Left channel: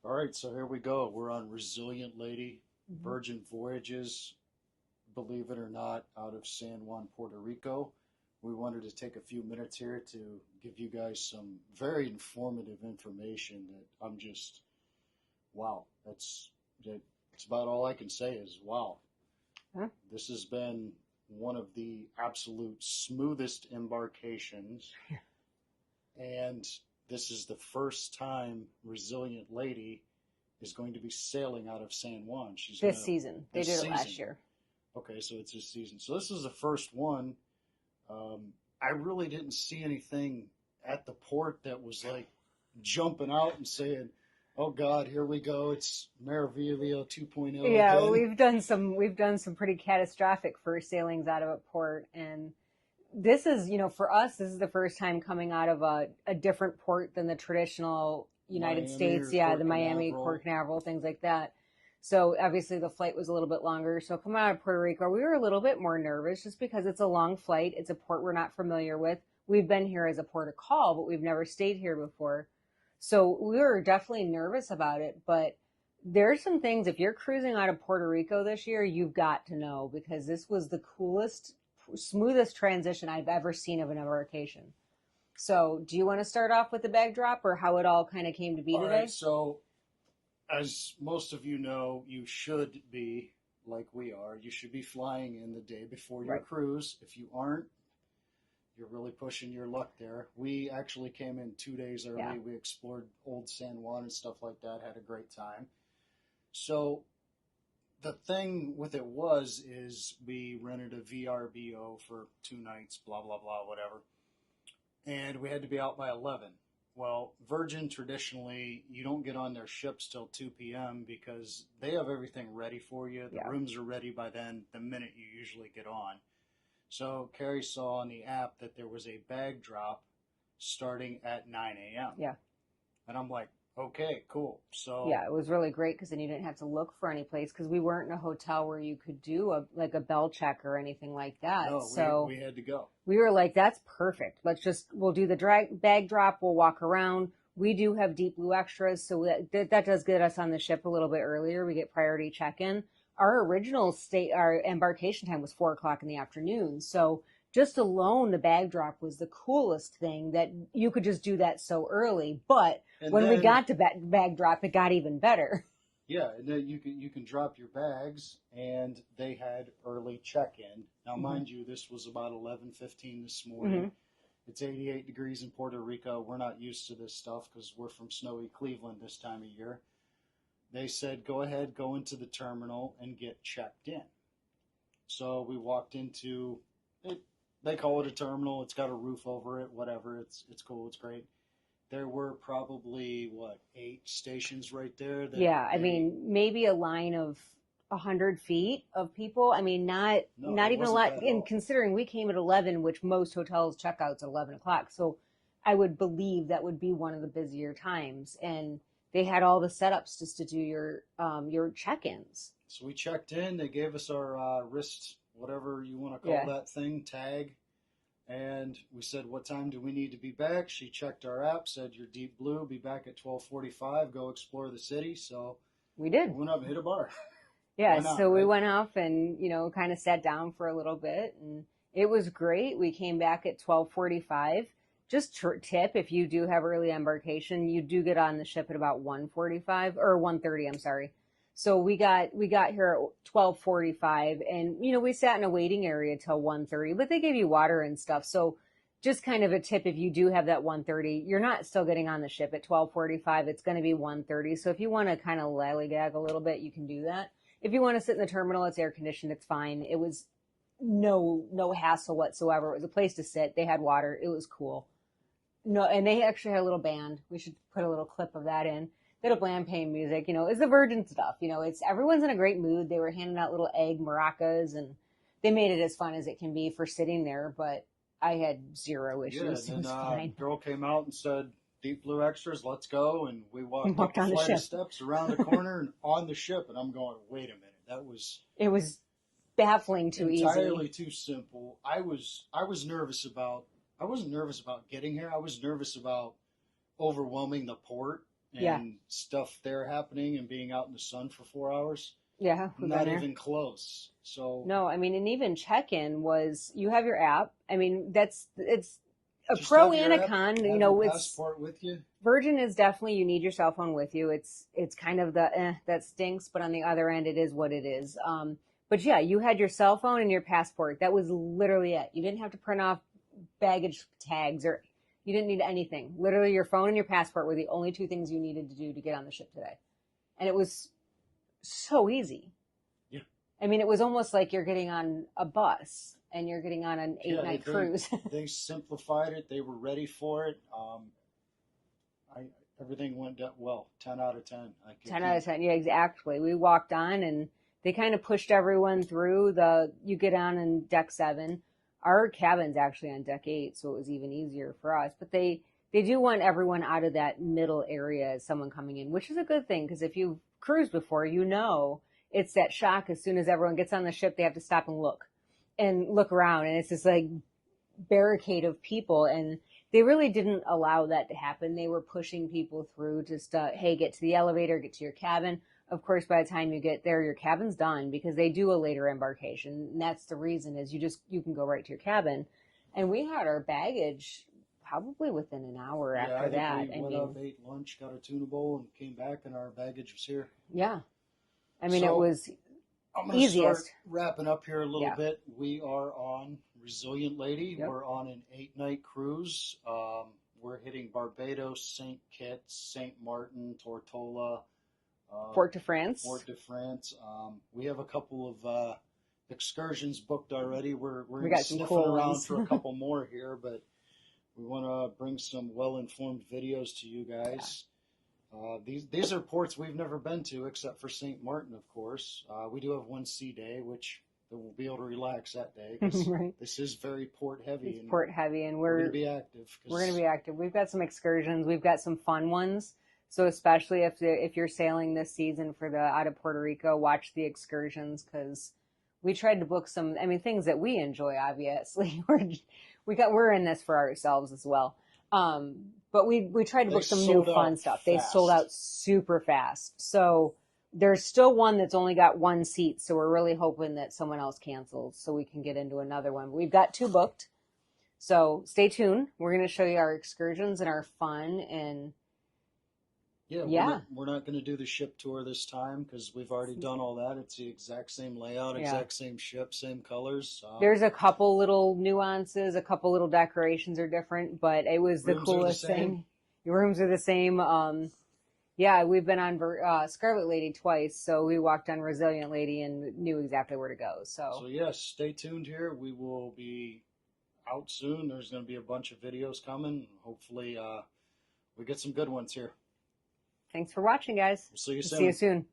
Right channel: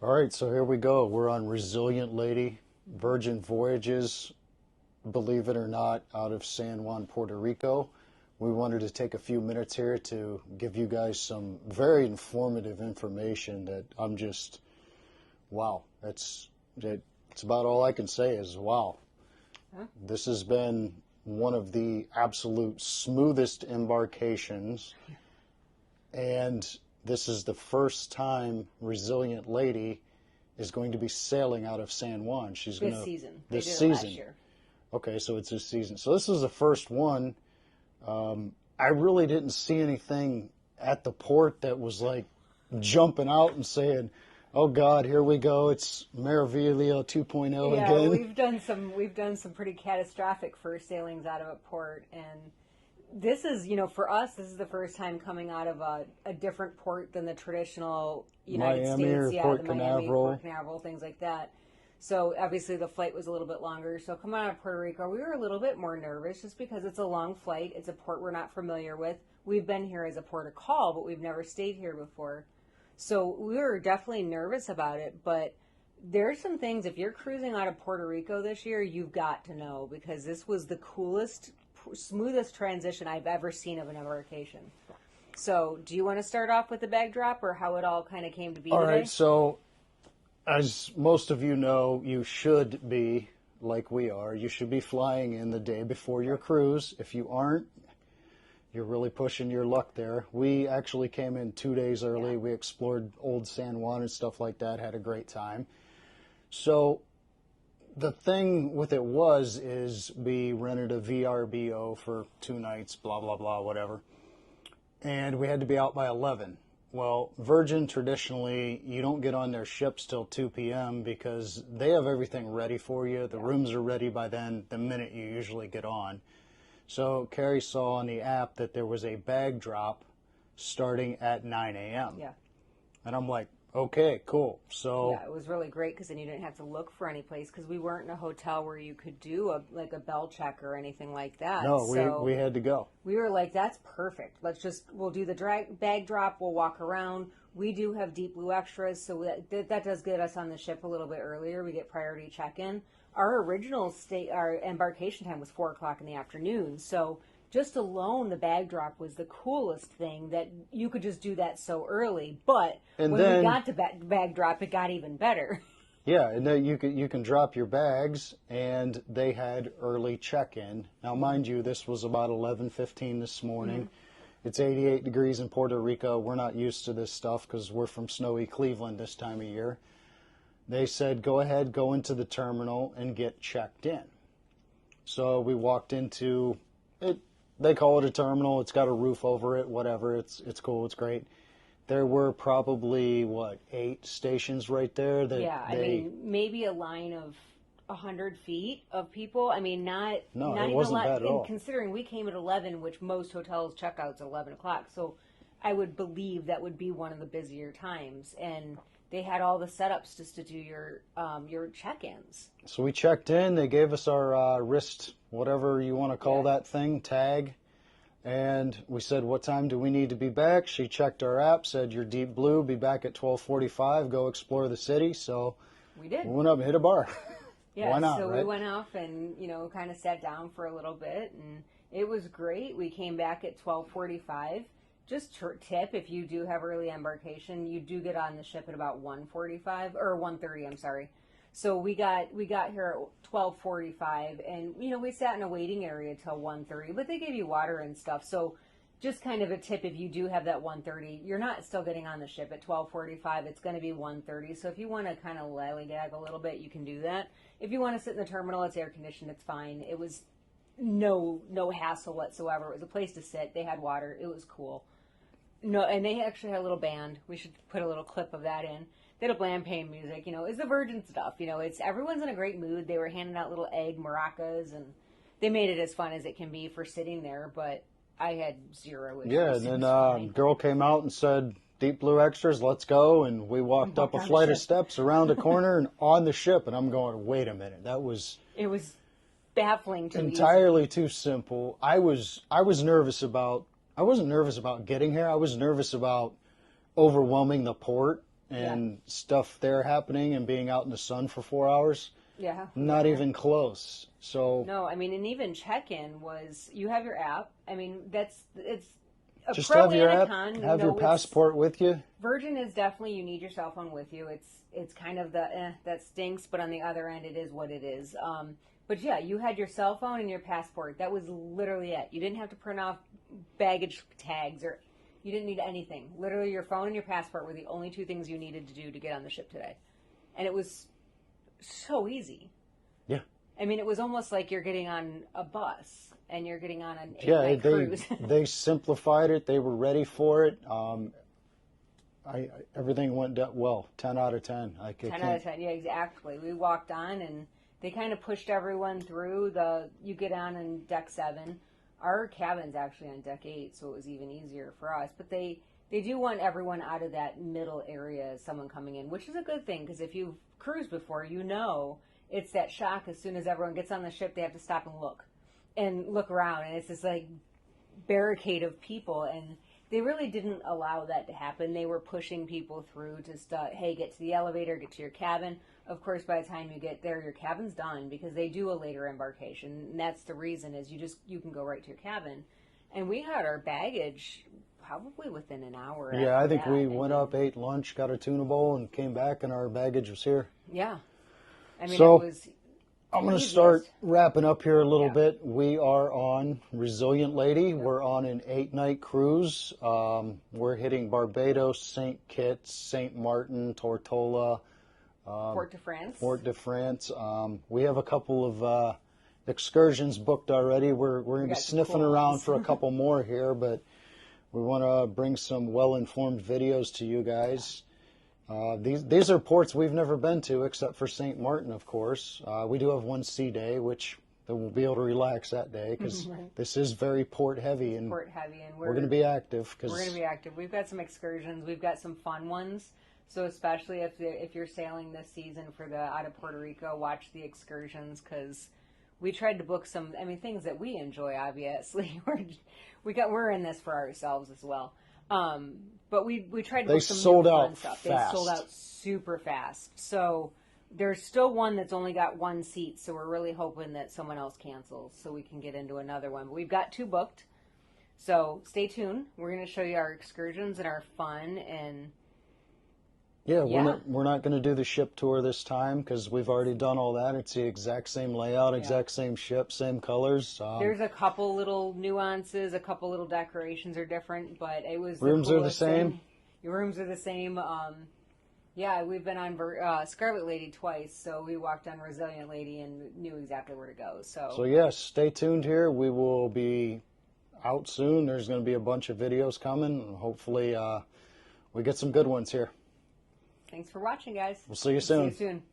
All right, so here we go. We're on Resilient Lady, Virgin Voyages, believe it or not, out of San Juan, Puerto Rico. We wanted to take a few minutes here to give you guys some very informative information that I'm just, wow. It's about all I can say is wow. Huh? This has been one of the absolute smoothest embarkations, and this is the first time Resilient Lady is going to be sailing out of San Juan. She's This gonna season. They this did it season. last year. Okay, so it's this season. So this is the first one. I really didn't see anything at the port that was like jumping out and saying, "Oh God, here we go! It's Maravilio 2.0 Yeah, again." we've done some pretty catastrophic first sailings out of a port, and this is, for us, this is the first time coming out of a different port than the traditional United Miami States, or yeah, Port the Miami, Canaveral. Port Canaveral, things like that. So obviously the flight was a little bit longer. So coming out of Puerto Rico, we were a little bit more nervous just because it's a long flight. It's a port we're not familiar with. We've been here as a port of call, but we've never stayed here before. So we were definitely nervous about it, but there's some things, if you're cruising out of Puerto Rico this year, you've got to know because this was the coolest, smoothest transition I've ever seen of an embarkation. So, do you want to start off with the bag drop or how it all kind of came to be All today? right, so as most of you know, you should be, like we are, you should be flying in the day before your Right. cruise. If you aren't, you're really pushing your luck there. We actually came in 2 days early. Yeah. We explored old San Juan and stuff like that, had a great time. So the thing with it is we rented a VRBO for 2 nights, blah, blah, blah, whatever. And we had to be out by 11. Well, Virgin traditionally, you don't get on their ships till 2 p.m. because they have everything ready for you. The Yeah. rooms are ready by then, the minute you usually get on. So Carrie saw on the app that there was a bag drop starting at 9 a.m. Yeah. And I'm like, okay, cool. So Yeah, it was really great because then you didn't have to look for any place because we weren't in a hotel where you could do a bell check or anything like that. no, So we had to go. we were like, that's perfect. We'll do the bag drop. We'll walk around. We do have deep blue extras, so that does get us on the ship a little bit earlier. We get priority check-in. Our embarkation time was 4 o'clock in the afternoon. So just alone, the bag drop was the coolest thing that you could just do that so early. But And when we then- got to bag drop, it got even better. Yeah, and then you can drop your bags, and they had early check-in. Now, mind you, this was about 11:15 this morning. It's 88 degrees in Puerto Rico. We're not used to this stuff because we're from snowy Cleveland this time of year. They said, go ahead, go into the terminal and get checked in. So we walked into it. They call it a terminal. It's got a roof over it, whatever. It's cool. It's great. There were probably, 8 stations right there. Yeah, I mean, maybe a line of 100 feet of people. I mean, not No, it even a wasn't lot. bad at all. And considering we came at 11, which most hotels check out at 11 o'clock, so I would believe that would be one of the busier times. And they had all the setups just to do your check-ins. So we checked in. They gave us our wrist, whatever you want to call Yeah. that thing, tag. And we said, what time do we need to be back? She checked our app, said, you're deep blue, be back at 12:45, go explore the city. So We did. we went up and hit a bar. Yeah, Why not, so we right? went off and, kind of sat down for a little bit, and it was great. We came back at 12:45. Just tip, if you do have early embarkation, you do get on the ship at about 1:45 or 1:30, I'm sorry. So we got here at 12:45, and we sat in a waiting area till 1:30, but they gave you water and stuff. So just kind of a tip, if you do have that 1:30, you're not still getting on the ship at 12:45. It's going to be 1:30. So if you want to kind of lollygag a little bit, you can do that. If you want to sit in the terminal, it's air conditioned. It's fine. It was no hassle whatsoever. It was a place to sit. They had water. It was cool. No, and they actually had a little band. We should put a little clip of that in. They had a bland pain music. It's the Virgin stuff. It's everyone's in a great mood. They were handing out little egg maracas, and they made it as fun as it can be for sitting there. But I had zero issues. Yeah, It and was then fine. girl came out and said, Deep Blue Extras, let's go. And we walked up Walked a on the flight of ship. steps around a corner and on the ship. And I'm going, wait a minute, that was It was baffling too entirely easy. too simple. I was nervous about. I wasn't nervous about getting here. I was nervous about overwhelming the port and stuff there happening and being out in the sun for 4 hours. Yeah. Not even close. So no, I mean, and even check-in was, you have your app. I mean, it's a just pro have your and a app, con. have your passport with you. Virgin is definitely, you need your cell phone with you. It's kind of the that stinks, but on the other end, it is what it is. But yeah, you had your cell phone and your passport. That was literally it. You didn't have to print off baggage tags, or you didn't need anything. Literally, your phone and your passport were the only two things you needed to do to get on the ship today. And it was so easy. Yeah. I mean, it was almost like you're getting on a bus and you're getting on an 8-night cruise. They simplified it. They were ready for it. Everything went well. 10 out of 10. 10 out of 10. Yeah, exactly. We walked on and they kind of pushed everyone through. You get on in deck 7. Our cabin's actually on deck 8, so it was even easier for us. But they do want everyone out of that middle area as someone coming in, which is a good thing, because if you've cruised before, you know it's that shock. As soon as everyone gets on the ship, they have to stop and look around, and it's this like barricade of people, and they really didn't allow that to happen. They were pushing people through to hey, get to the elevator, get to your cabin. Of course, by the time you get there, your cabin's done, because they do a later embarkation, and that's the reason, is you can go right to your cabin. And we had our baggage probably within an hour. Yeah, I think we went up, ate lunch, got a tuna bowl, and came back, and our baggage was here. Yeah. I mean, so, it was I'm going to start wrapping up here a little bit. We are on Resilient Lady. Yep. We're on an 8-night cruise. We're hitting Barbados, St. Kitts, St. Martin, Tortola, Port de France. Port de France. We have a couple of excursions booked already. We're sniffing around for a couple more here, but we want to bring some well-informed videos to you guys. These are ports we've never been to, except for St. Martin, of course. We do have one sea day, which we'll be able to relax that day, because this is very port heavy, and we're going to be active. We're going to be active. We've got some excursions. We've got some fun ones. So especially if you're sailing this season out of Puerto Rico, watch the excursions, because we tried to book some. I mean, things that we enjoy. Obviously, we're in this for ourselves as well. But we tried to book some new fun stuff. They sold out super fast. So there's still one that's only got one seat. So we're really hoping that someone else cancels so we can get into another one. But we've got 2 booked. So stay tuned. We're going to show you our excursions and our fun. And we're not going to do the ship tour this time, because we've already done all that. It's the exact same layout, exact same ship, same colors. There's a couple little nuances, a couple little decorations are different, but it was the coolest thing. Rooms are the same? Your rooms are the same. We've been on Scarlet Lady twice, so we walked on Resilient Lady and knew exactly where to go. So yes, stay tuned here. We will be out soon. There's going to be a bunch of videos coming. Hopefully we get some good ones here. Thanks for watching, guys. We'll see you soon. See you soon.